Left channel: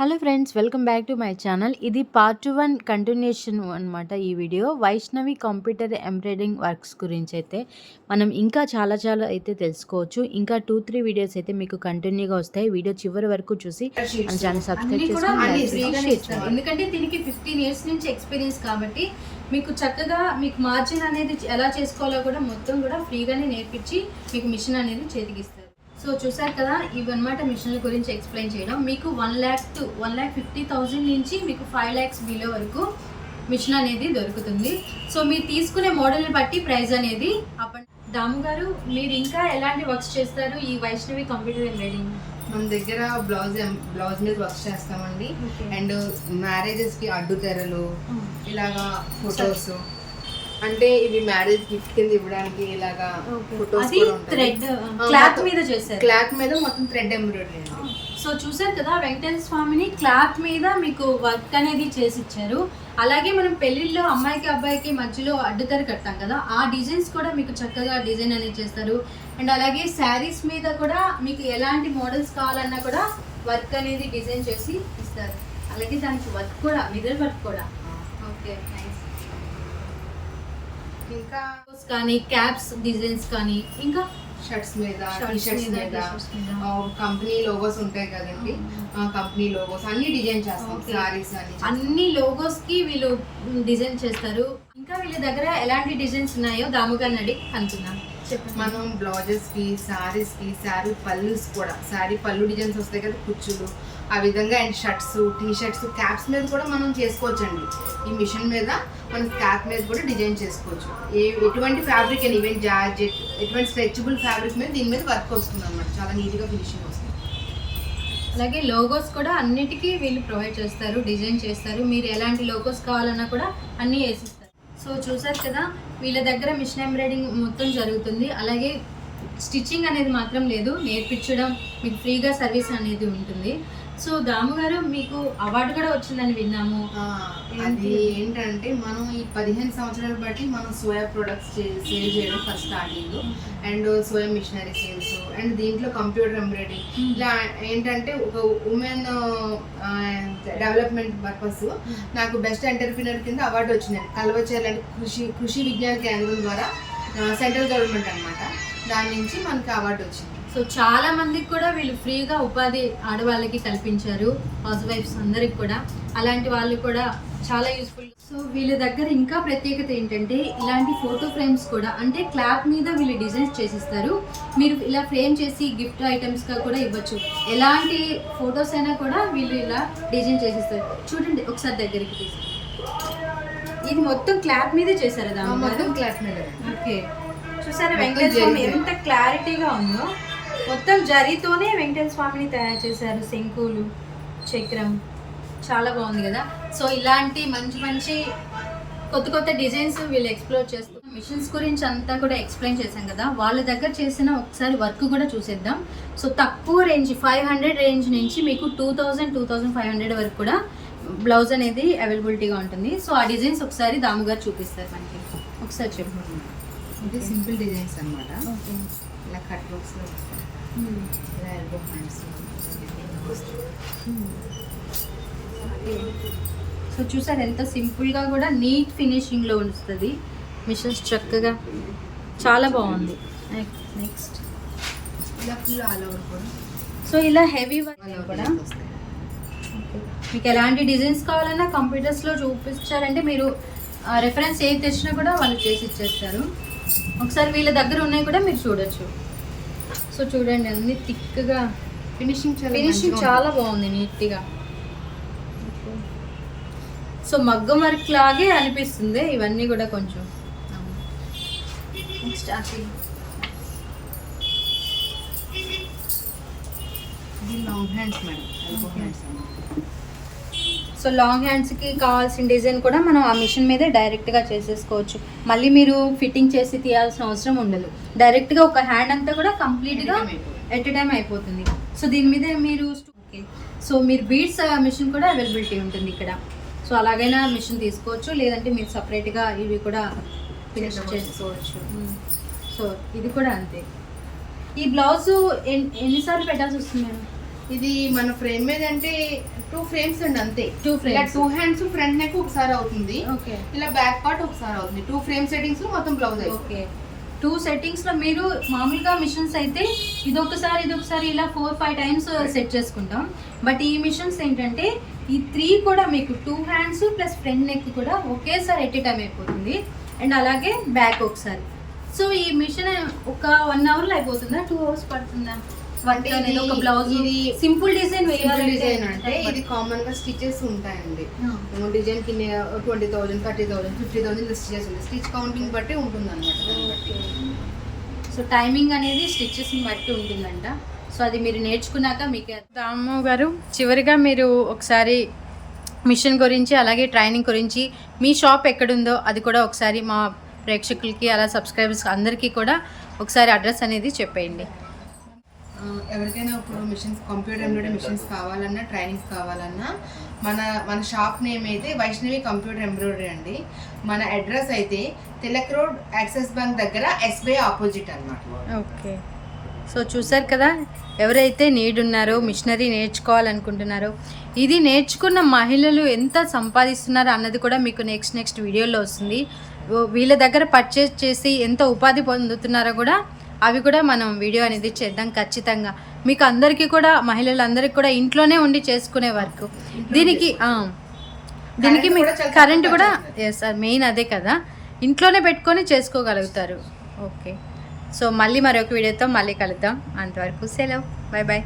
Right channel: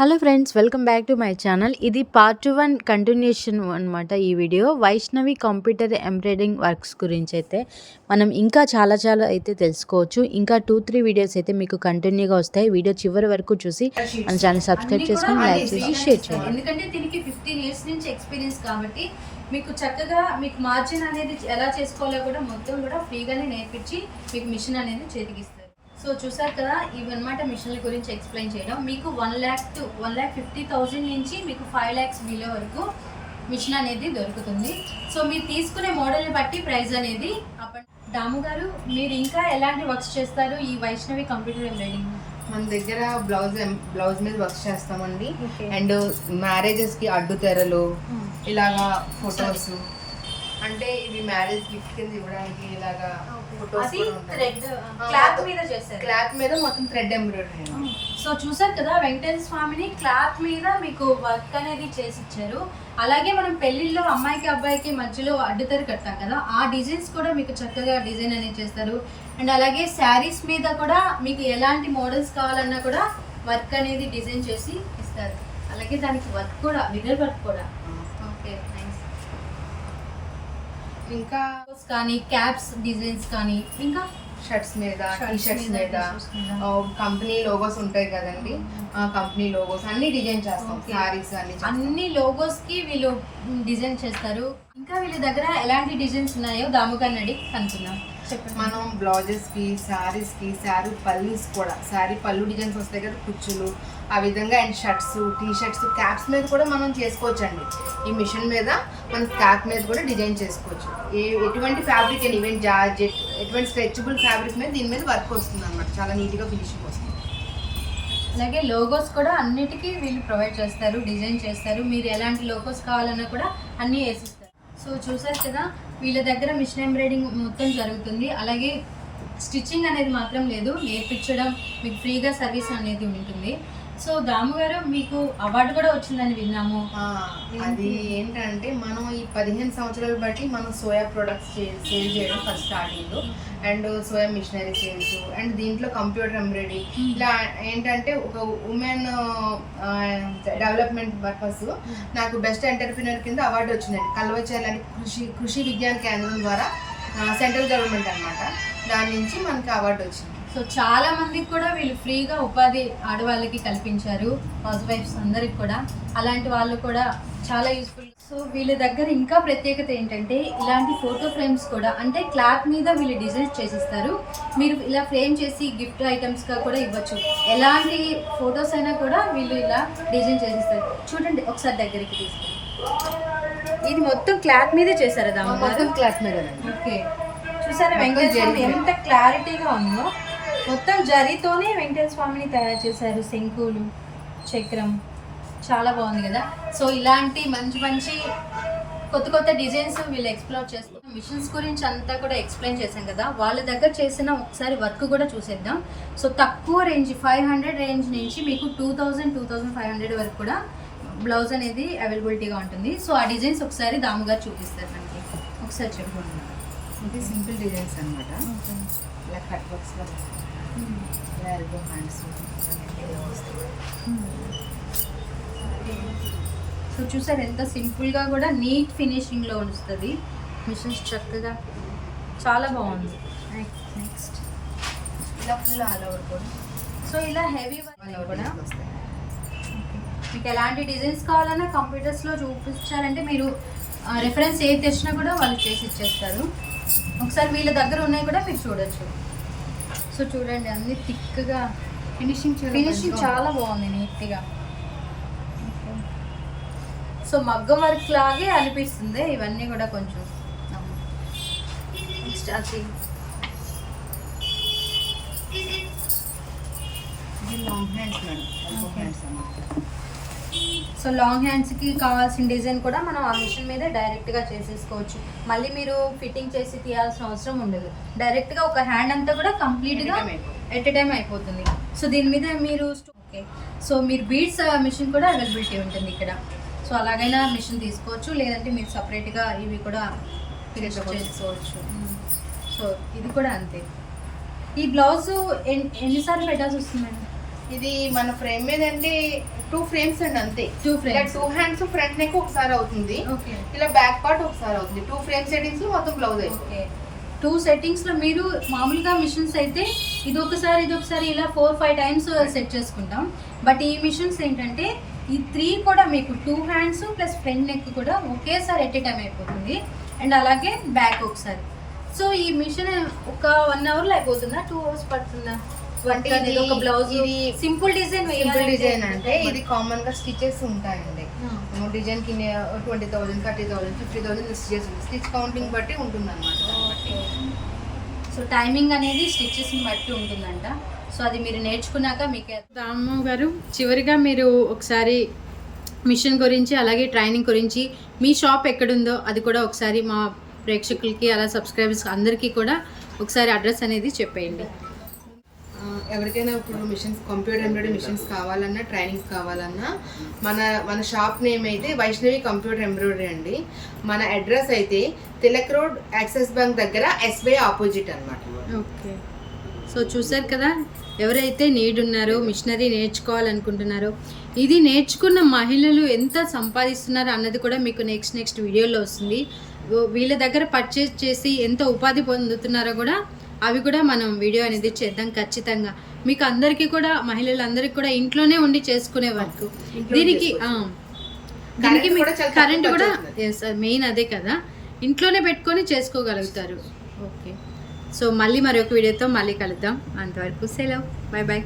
Hello friends, welcome back to my channel. ఇది part 1 continuation అనమాట. ఈ video Vaishnavi computer embroidering works గురించి అయితే మనం ఇంకా చాలా అయితే తెలుసుకోవచ్చు. ఇంకా 2-3 వీడియోస్ అయితే మీకు కంటిన్యూగా వస్తాయి. వీడియో చివరి వరకు చూసి మన ఛానల్ సబ్స్క్రైబ్ చేసుకొని లైక్ చేసి షేర్ చేయండి. ఎందుకంటే దీనికి 15 ఇయర్స్ నుంచి ఎక్స్పీరియన్స్ కాబట్టి మీకు చక్కగా మీకు మార్జిన్ అనేది ఎలా చేసుకోవాలో కూడా మొత్తం కూడా ఫ్రీగానే నేర్పించి మీకు మిషన్ అనేది చేతికిస్తారు. సో చూసారు కదా, ఇవన్నమాట మిషన్ల గురించి ఎక్స్ప్లెయిన్ చేయడం. మీకు 1,50,000 నుంచి మీకు 5 lakhs బిలో వరకు మిషన్ అనేది దొరుకుతుంది. సో మీరు తీసుకునే మోడల్ని బట్టి ప్రైస్ అనేది దాము గారు, మీరు ఇంకా ఎలాంటి వర్క్స్ చేస్తారు ఈ వైష్ణవి కంప్యూటర్ ఎంబ్రాయిడింగ్? మన దగ్గర బ్లౌజ్ మీద వర్క్ చేస్తామండి. అండ్ మ్యారేజెస్కి అడ్డు తెరలు, ఇలాగా ఫొటోస్, అంటే ఇవి మ్యారేజ్ గిఫ్ట్ కింద ఇవ్వడానికి ఇలాగా ఫొటోస్ క్లాత్ మీద మొత్తం థ్రెడ్ ఎంబ్రాయిడరీ. సో చూసారు కదా, వెంకటేశ్వర స్వామిని క్లాత్ మీద మీకు వర్క్ అనేది చేసి ఇచ్చారు. అలాగే మనం పెళ్లిళ్ళలో అమ్మాయికి అబ్బాయికి మధ్యలో అడ్డుతెర కడతాం కదా, ఆ డిజైన్స్ కూడా మీకు చక్కగా డిజైన్ అనేది చేస్తారు. అండ్ అలాగే శారీస్ మీద కూడా మీకు ఎలాంటి మోడల్స్ కావాలన్నా కూడా వర్క్ అనేది డిజైన్ చేసి ఇస్తారు. అలాగే దానికి వర్క్ కూడా మిర్రర్ వర్క్ కూడా. ఓకే, ఇంకా కానీ క్యాప్స్ డిజైన్స్ కానీ ఇంకా షర్ట్స్ మీద, టీ షర్ట్స్ మీద కంపెనీ లోగోస్ ఉంటాయి కదండి, కంపెనీ లోగోస్ అన్ని డిజైన్ చేస్తాం. సారీస్ అన్ని లోగోస్ కి వీళ్ళు డిజైన్ చేస్తారు. ఇంకా వీళ్ళ దగ్గర ఎలాంటి డిజైన్స్ ఉన్నాయో దాముగారిని అడిగి కనుక్కున్నాం. మనం బ్లౌజెస్ కి, సారీస్ కి, శారీ పళ్ళుస్ కూడా, శారీ పళ్ళు డిజైన్స్ వస్తాయి కదా, కుచ్చులు, ఆ విధంగా. And shirts, T shirts, caps మీద కూడా మనం చేసుకోవచ్చు అండి. ఈ మిషన్ మీద మనం క్యాప్ మీద కూడా డిజైన్ చేసుకోవచ్చు. ఎటువంటి ఫ్యాబ్రిక్ అండ్ ఈవెన్ జార్జెట్, ఎటువంటి స్ట్రెచబుల్ ఫ్యాబ్రిక్ మీద దీని మీద వర్క్ వస్తుంది అనమాట. చాలా నీట్గా ఫినిషింగ్ వస్తుంది. అలాగే లోగోస్ కూడా అన్నిటికీ వీళ్ళు ప్రొవైడ్ చేస్తారు, డిజైన్ చేస్తారు. మీరు ఎలాంటి లోగోస్ కావాలన్నా కూడా అన్నీ వేసిస్తారు. సో చూసారు కదా, వీళ్ళ దగ్గర మిషన్ ఎంబ్రాయిడింగ్ మొత్తం జరుగుతుంది. అలాగే స్టిచ్చింగ్ అనేది మాత్రం లేదు, నేర్పించడం, మీకు ఫ్రీగా సర్వీస్ అనేది ఉంటుంది. సో దాము గారు, మీకు అవార్డు కూడా వచ్చిందని విన్నాము. అది ఏంటంటే, మనం ఈ 15 సంవత్సరాలు బట్టి మనం సోయా ప్రొడక్ట్స్ సేల్ చేయడం first starting. And soya machinery sales, and దీంట్లో కంప్యూటర్ ఎంబ్రాయిడరీ, ఇలా ఏంటంటే ఒక ఉమెన్ డెవలప్మెంట్ పర్పస్ నాకు బెస్ట్ ఎంటర్ప్రినర్ కింద అవార్డు వచ్చిందండి. కల్వచేర్ల కృషి విజ్ఞాన కేంద్రం ద్వారా, సెంట్రల్ గవర్నమెంట్ అనమాట, దాని నుంచి మనకి అవార్డు వచ్చింది. సో చాలా మందికి కూడా వీళ్ళు ఫ్రీగా ఉపాధి ఆడవాళ్ళకి కల్పించారు, హౌస్ వైఫ్స్ అందరికి కూడా. అలాంటి వాళ్ళు కూడా చాలా యూస్ఫుల్. సో వీళ్ళ దగ్గర ఇంకా ప్రత్యేకత ఏంటంటే, ఇలాంటి ఫోటో ఫ్రేమ్స్ కూడా, అంటే క్లాత్ మీద వీళ్ళు డిజైన్స్ చేసిస్తారు. మీరు ఇలా ఫ్రేమ్ చేసి గిఫ్ట్ ఐటమ్స్గా కూడా ఇవ్వచ్చు. ఎలాంటి ఫొటోస్ అయినా కూడా వీళ్ళు ఇలా డిజైన్ చేసిస్తారు. చూడండి ఒకసారి దగ్గరికి తీసుకొని. ఇది మొత్తం క్లాత్ మీదే చేశారు దాని క్లాత్ మీద. ఓకే, చూసారా వెంకటేశ్వర స్వామి ఎంత క్లారిటీగా ఉందో. మొత్తం జరీతోనే వెంకటేశ్వర స్వామిని తయారు చేశారు. శంకులు, చక్రం, చాలా బాగుంది కదా. సో ఇలాంటి మంచి కొత్త డిజైన్స్ వీళ్ళు ఎక్స్ప్లోర్ చేస్తారు. మిషన్స్ గురించి అంతా కూడా ఎక్స్ప్లెయిన్ చేశాం కదా, వాళ్ళ దగ్గర చేసిన ఒకసారి వర్క్ కూడా చూసేద్దాం. సో తక్కువ రేంజ్ 500 రేంజ్ నుంచి మీకు 2,000-2,500 వరకు కూడా బ్లౌజ్ అనేది అవైలబిలిటీగా ఉంటుంది. సో ఆ డిజైన్స్ ఒకసారి దాము గారు చూపిస్తారు మనకి. ఒకసారి చెప్పండి మేడం. ఇది సింపుల్ డిజైన్స్ అనమాట. ఇలా కట్ వర్క్స్లో వస్తాయి, ఇలా ఎల్బో హ్యాండ్స్ వస్తాయి. సో చూసారు ఎంత సింపుల్గా కూడా నీట్ ఫినిషింగ్లో వస్తుంది. మిషన్స్ చక్కగా చాలా బాగుంది. నెక్స్ట్ ఇలా ఫుల్ ఆల్ ఓవర్ కూడా. సో ఇలా హెవీ ఆల్ ఓవర్ కూడా వస్తాయి. మీకు ఎలాంటి డిజైన్స్ కావాలన్నా కంప్యూటర్స్లో చూపించారంటే మీరు రెఫరెన్స్ ఏది తెచ్చినా కూడా వాళ్ళు చేసి ఇచ్చేస్తారు. ఒకసారి వీళ్ళ దగ్గర ఉన్నాయి కూడా మీరు చూడొచ్చు. సో చూడండి, అన్ని థిక్గా ఫినిషింగ్ చాలా బాగుంది, నీట్గా. సో మగ్గం వర్క్ లాగే అనిపిస్తుంది ఇవన్నీ కూడా కొంచెం. ఇది long hands madam, elbow hands అన్నమాట. సో లాంగ్ హ్యాండ్స్కి కావాల్సిన డిజైన్ కూడా మనం ఆ మిషన్ మీదే డైరెక్ట్గా చేసేసుకోవచ్చు. మళ్ళీ మీరు ఫిట్టింగ్ చేసి తీయాల్సిన అవసరం ఉండదు. డైరెక్ట్గా ఒక హ్యాండ్ అంతా కూడా కంప్లీట్గా ఎట్ ఎ టైం అయిపోతుంది. సో దీని మీద మీరు ఓకే, సో మీరు బీడ్స్ మిషన్ కూడా అవైలబిలిటీ ఉంటుంది ఇక్కడ. సో అలాగైనా మిషన్ తీసుకోవచ్చు, లేదంటే మీరు సపరేట్గా ఇవి కూడా ఫినిష్ చేసుకోవచ్చు. సో ఇది కూడా అంతే. ఈ బ్లౌజు ఎన్నిసార్లు పెట్టాల్సి వస్తుంది మేడం? ఇది మన ఫ్రేమ్ మీద అంటే 2 ఫ్రేమ్స్ అండి అంతే. 2 frames. 2 హ్యాండ్స్ ఫ్రంట్ నెక్ ఒకసారి అవుతుంది, ఓకే ఇలా బ్యాక్ పార్ట్ ఒకసారి అవుతుంది. 2 ఫ్రేమ్ సెట్టింగ్స్ లో మొత్తం బ్లౌజ్ అవుతుంది. ఓకే 2 సెట్టింగ్స్ లో మీరు మామూలుగా మిషన్స్ అయితే ఇదొకసారి ఇలా 4-5 టైమ్స్ సెట్ చేసుకుంటాం. బట్ ఈ మిషన్స్ ఏంటంటే ఈ 3 కూడా మీకు 2 హ్యాండ్స్ ప్లస్ ఫ్రంట్ నెక్ కూడా ఒకేసారి ఎట్ ఏ టైం అయిపోతుంది. అండ్ అలాగే బ్యాక్ ఒకసారి. సో ఈ మిషన్ ఒక 1 అవర్ లో అయిపోతుందా, 2 అవర్స్ పడుతుందా? వర్క్ అనేది ఒక బ్లౌజ్ ఇది సింపుల్ డిజైన్ డిజైన్ అంటే ఇది కామన్ గా స్టిచెస్ ఉంటాయండి. డిజైన్ కి 20,000, 30,000, 50,000 స్టిచెస్ ఉంటాయి. స్టిచ్ కౌంటింగ్ బట్టి ఉంటుంది అనమాట. సో టైమింగ్ అనేది స్టిచెస్ ని బట్టి ఉంటుందంట. సో అది మీరు నేర్చుకున్నాక మీకు. రాము గారు, చివరిగా మీరు ఒకసారి మిషన్ గురించి అలాగే ట్రైనింగ్ గురించి మీ షాప్ ఎక్కడుందో అది కూడా ఒకసారి మా ప్రేక్షకులకి అలా సబ్స్క్రైబర్స్ అందరికీ కూడా ఒకసారి అడ్రస్ అనేది చెప్పేయండి. ఎవరికైనా ఇప్పుడు మిషన్స్, కంప్యూటర్ ఎంబ్రాయిడరీ మిషన్స్ కావాలన్నా, ట్రైనింగ్స్ కావాలన్నా మన షాప్ నేమ్ అయితే వైష్ణవి కంప్యూటర్ ఎంబ్రాయిడరీ అండి. మన అడ్రస్ అయితే తిలక్ రోడ్, యాక్సిస్ బ్యాంక్ దగ్గర, SBI ఆపోజిట్ అనమాట. ఓకే. సో చూసారు కదా, ఎవరైతే నీడ్ ఉన్నారో, మిషనరీ నేర్చుకోవాలనుకుంటున్నారో, ఇది నేర్చుకున్న మహిళలు ఎంత సంపాదిస్తున్నారో అన్నది కూడా మీకు నెక్స్ట్ వీడియోలో వస్తుంది. వీళ్ళ దగ్గర పర్చేజ్ చేసి ఎంత ఉపాధి పొందుతున్నారో కూడా అవి కూడా మనం వీడియో అనేది చేద్దాం ఖచ్చితంగా. మీకు అందరికీ కూడా, మహిళలందరికీ కూడా ఇంట్లోనే ఉండి చేసుకునే వర్క్. దీనికి కరెంట్ కూడా మెయిన్ అదే కదా, ఇంట్లోనే పెట్టుకొని చేసుకోగలుగుతారు. ఓకే. సో మళ్ళీ మరొక వీడియోతో మళ్ళీ కలుద్దాం. అంతవరకు సెలవు, బాయ్ బాయ్.